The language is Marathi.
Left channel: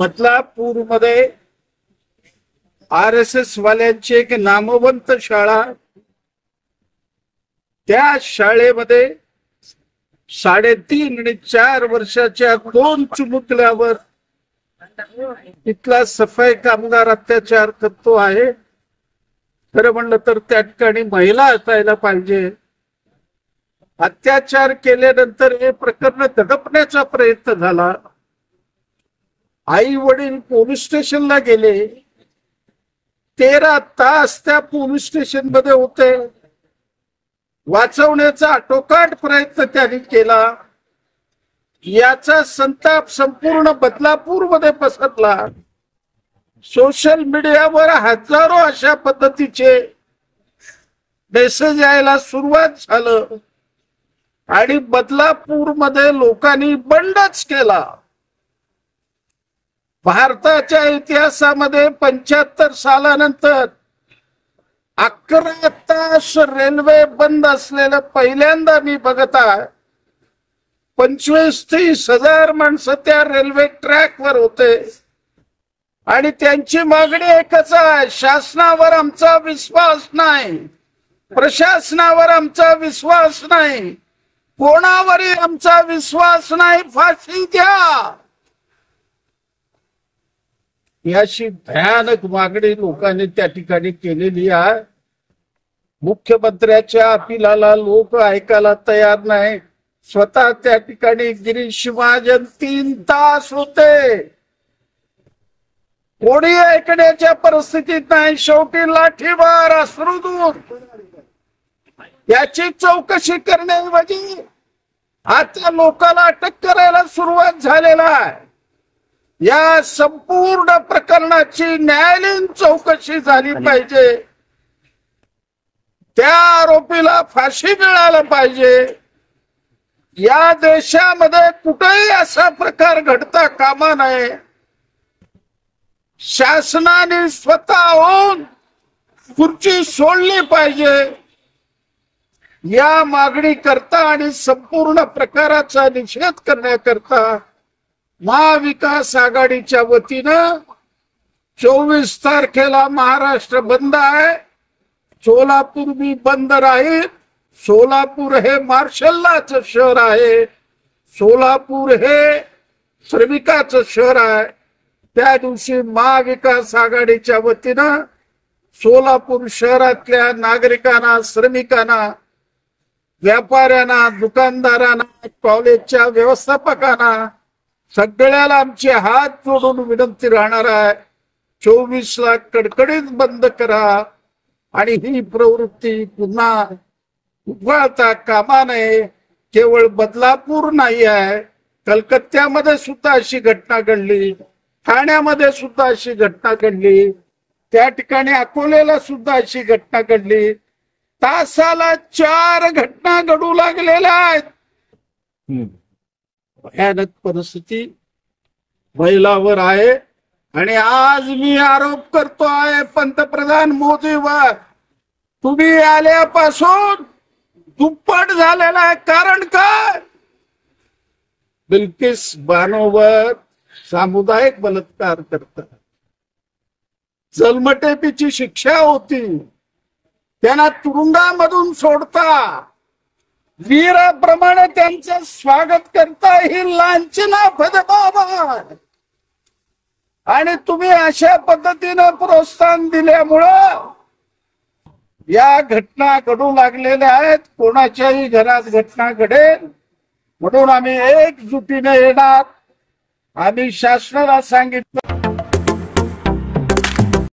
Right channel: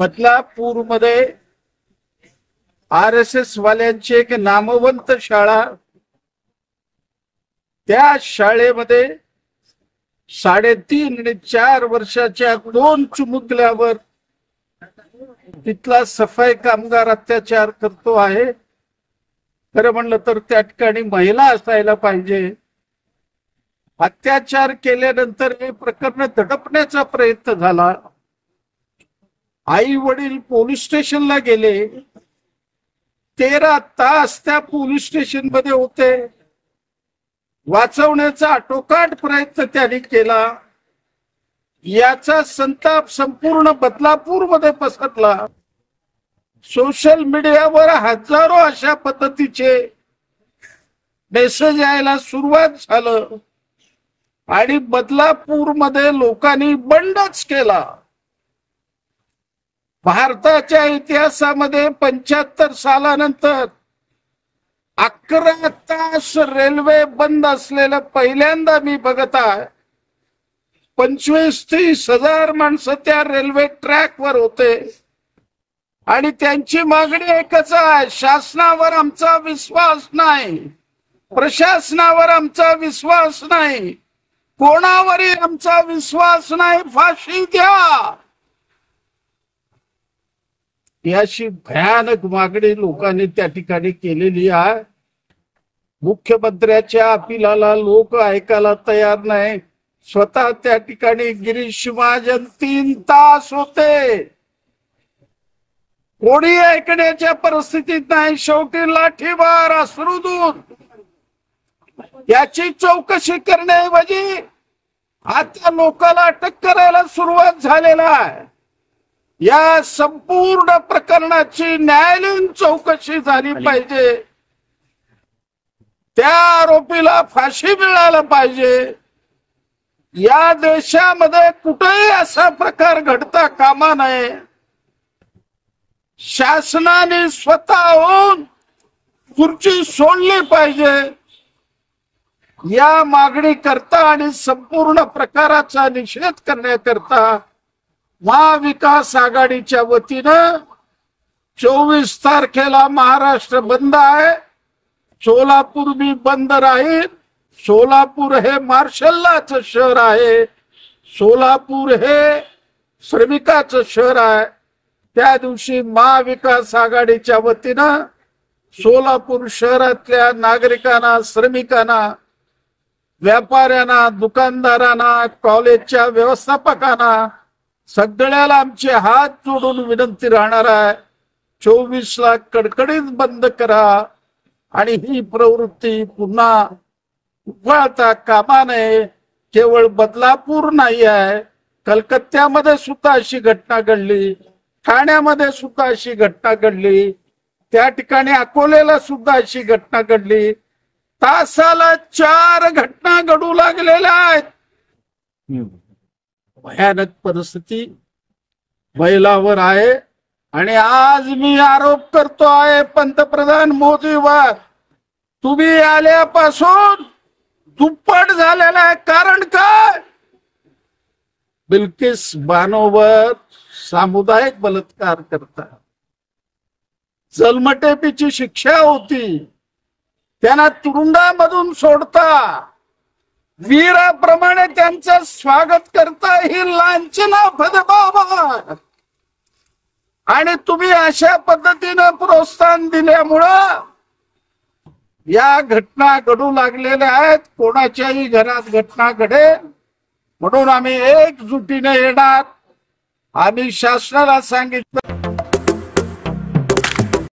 बदलापूर मध्ये RSS वाल्यांची एक नामवंत शाळा, त्या शाळेमध्ये 3.5 आणि 4 वर्षाच्या 2 चिमुकल्यावर तिथला सफाई कामगार अत्याचार करतो आहे. खरं म्हणलं तर त्या ठिकाणी महिला असायला पाहिजे. अत्याचार केल्यानंतर हे प्रकरण दडपण्याचा प्रयत्न झाला. आई वडील पोलीस स्टेशनला गेले. 13 तास त्या पोलीस स्टेशन मध्ये होते. वाचवण्याचा आटोकाट प्रयत्न त्यांनी केला. याचा संताप संपूर्ण बदलापूर मध्ये पसरला. सोशल मीडियावर हजारो अशा पद्धतीचे मेसेज यायला सुरुवात झालं आणि बदलापूर मध्ये लोकांनी बंडच केला. भारताच्या इतिहासामध्ये 75 सालानंतर 11 तास रेल्वे बंद असलेलं पहिल्यांदा मी बघत आहे. 25-30 हजार माणसं त्या रेल्वे ट्रॅकवर होते आणि त्यांची मागणी एकच आहे, शासनावर आमचा विश्वास नाही, प्रशासनावर आमचा विश्वास नाही, कोणावरही आमचा विश्वास नाही, फाशी द्या. याची भयानक मागणी लोकांनी त्या ठिकाणी केलेली आहे. मुख्यमंत्र्याच्या अपिलाला लोक ऐकायला तयार नाही. स्वतः त्या ठिकाणी गिरीश महाजन 3 तास होते. कोणी ऐकण्याच्या परिस्थितीत नाही. शेवटी लाठीमार, अश्रुधूर. याची चौकशी करण्याऐवजी आता लोकांना अटक करायला सुरुवात झालेला आहे. या संपूर्ण प्रकरणाची न्यायालयीन चौकशी झाली पाहिजे. त्या आरोपीला फाशी मिळायला पाहिजे. या देशामध्ये कुठेही असा प्रकार घडता कामा नये. शासनाने स्वतःहून खुर्ची सोडली पाहिजे. या मागणी करता आणि संपूर्ण प्रकाराचा निषेध करण्याकरता महाविकास आघाडीच्या वतीनं 24 तारखेला महाराष्ट्र बंद आहे. सोलापूर भी बंद राहील. सोलापूर हे मार्शललाचं शहर आहे. सोलापूर हे श्रमिकाचं शहर आहे. त्या दिवशी महाविकास आघाडीच्या वतीनं सोलापूर शहरातल्या नागरिकांना, श्रमिकांना, व्यापाऱ्यांना, दुकानदारांना, कॉलेजच्या व्यवस्थापकांना सगळ्याला आमचे हात जोडून विनंती राहणार आहे, 24ला कडकडीत बंद करा आणि ही प्रवृत्ती पुन्हा उफाळता कामा नये. केवळ बदलापूर नाही आहे, कलकत्त्यामध्ये सुद्धा अशी घटना घडली, ठाण्यामध्ये सुद्धा अशी घटना घडली, त्या ठिकाणी अकोल्याला सुद्धा अशी घटना घडली. तासाला 4 घटना घडू लागलेल्या आहेत. भयानक परिस्थिती महिलावर आहे. आणि आज मी आरोप करतो आहे पंतप्रधान मोदीवर, तुम्ही आल्यापासून दुप्पट झालेला आहे. कारण काय? बिल्किस बानोवर सामुदायिक बलात्कार करता, जन्मठेपेची शिक्षा होती, त्यांना तुरुंगामधून सोडता, वीराप्रमाणे त्यांचं स्वागत करता, ही लांछना फदबाबा. आणि तुम्ही अशा पद्धतीनं प्रोत्साहन दिल्यामुळं या घटना घडू लागलेल्या आहेत. कोणाच्याही घरात घटना घडेल म्हणून आम्ही एकजुटीने येणार. आम्ही शासनाला सांगितलं